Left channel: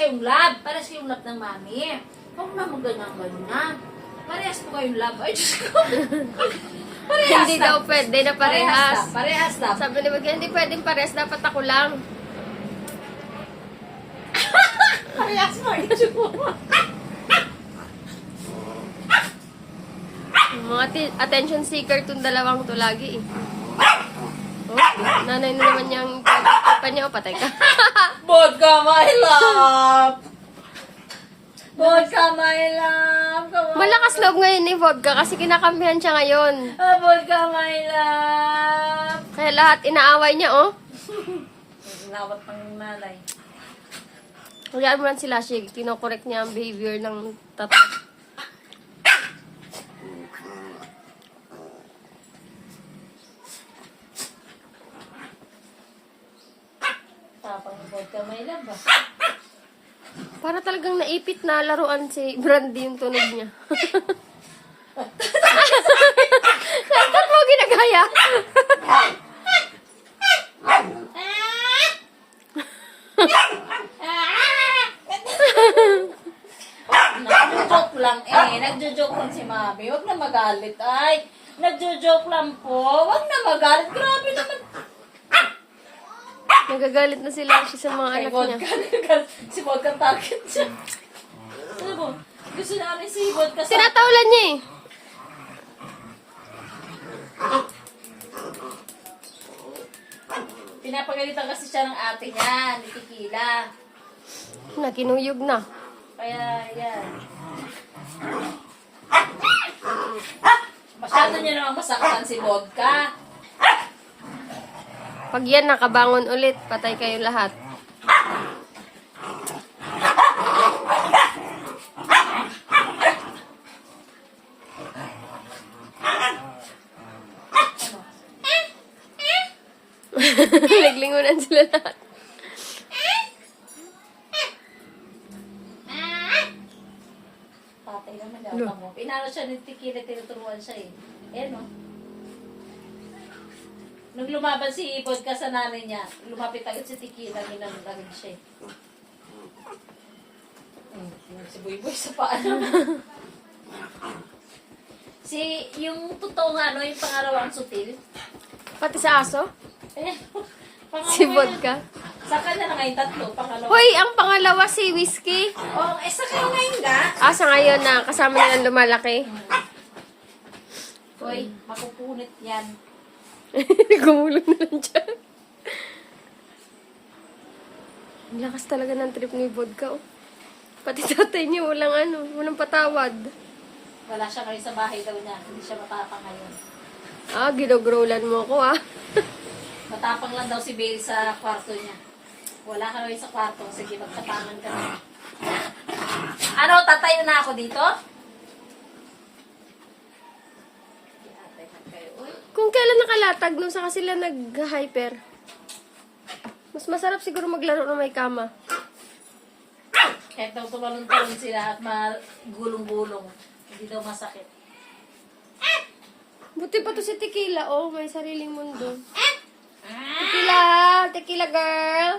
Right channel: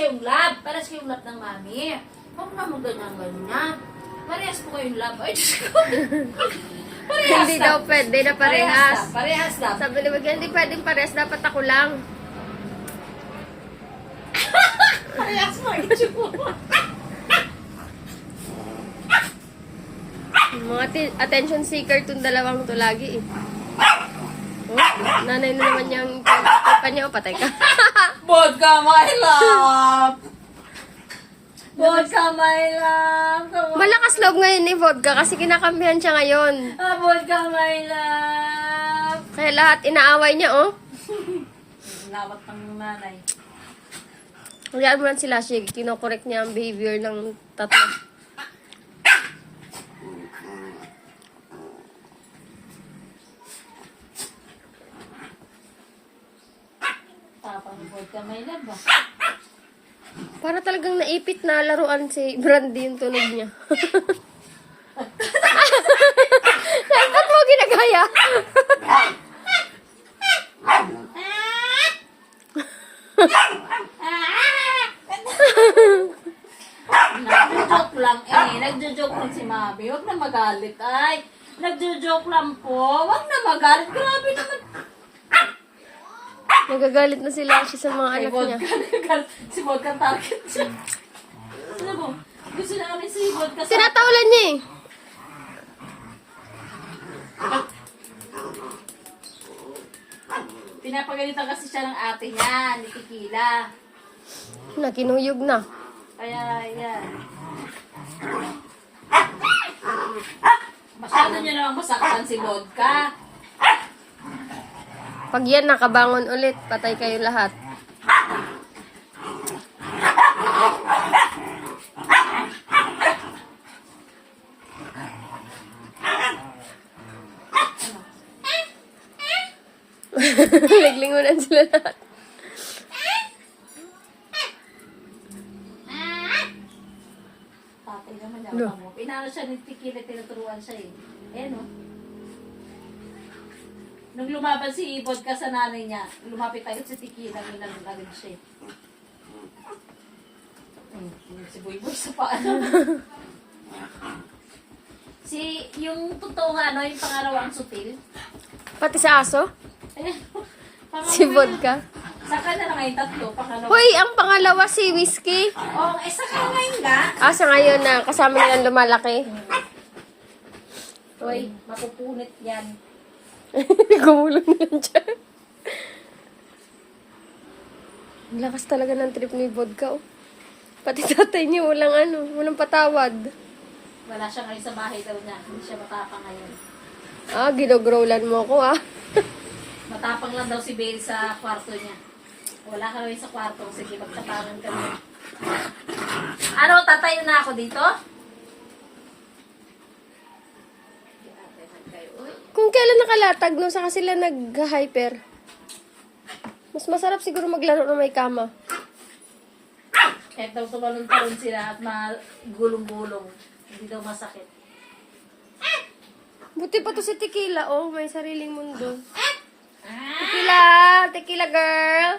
kayong love. Parehas kayong love ng mami. Huwag na mo ganyan-ganyan. Parehas po kayong love. Ay, Diyos ko. Parehas Hindi lang. daw pwede na parehas. Parehas lang. Sabi ni Bagay, hindi pwedeng parehas. Dapat ako lang. Parehas mo, itsura. Mga attention seeker tong dalawang to lagi eh. Oh, nanay na naman niyang pa niya. Patay ka. Vodka, my love. Vodka, my love. Come on. Malakas loob ngayon ni Vodka kasi kinakampihan siya ngayon. Vodka, my love. Kaya lahat inaaway niya, oh. Nawat ng nanay. Hayaan mo lang sila siya. Kinokorek niya ang behavior ng tatlo. Tapang vodka, my love ba? Para talagang naipit na laruan si Brandy yung tunog niya. Ba't mo ginagaya? Nagjo-joke lang eh. Nagjo-joke lang si Mami. Huwag na magalit. Ay, nagjo-joke lang po. Huwag na magalit. Grabe naman. Nagagalit na sila siya sa mga anak niya. Si Vodka target siya. Ano mo? Gusto namin si Vodka sa... Tinatawalan niya eh. Pinapagalitan kasi siya ng ate niya, ni Tequila. Nakinuyog na. Kaya, yan. Masyado niya naman masaktan si Vodka. Pag yan nakabangon ulit, patay kayo lahat. Naglingunan sila lahat. Tatay naman daw mo. Pinano siya ni Tequila, tinuturuan siya eh. Eh no? Nung lumaban si Vodka sa nanay niya, lumapit agad si Tequila, nilalagad siya eh. Si Boy sa paano. Yung totoong ano, yung pangarawang sutil. Pati sa aso? Ayan. Si Vodka. Sa kanya na ngayon tatlo, pangalawa. Hoy, ang pangalawa si Whiskey. Oh, sa kanya ngayon nga. Sa ngayon na kasama nilang lumalaki. Hoy, mapupunit yan. Gumulong na lang dyan. Ang lakas talaga ng trip ni Vodka, oh. Pati tatay niya, walang patawad. Wala siya ngayon sa bahay daw niya. Hindi siya matapang ngayon. Ginogrowlan mo ko, Matapang lang daw si Bale sa kwarto niya. Wala ka ngayon sa kwarto. Sige, magtapangan ka na. Ano, tatayo na ako dito? Kung kailan nakalatag, no, saka sila nag-hyper. Mas masarap siguro maglaro na may kama. Kahit daw tumalon-talon sila at magulong-gulong. Hindi daw masakit. Buti pa to si Tequila, oh, may sariling mundo. Tequila girl.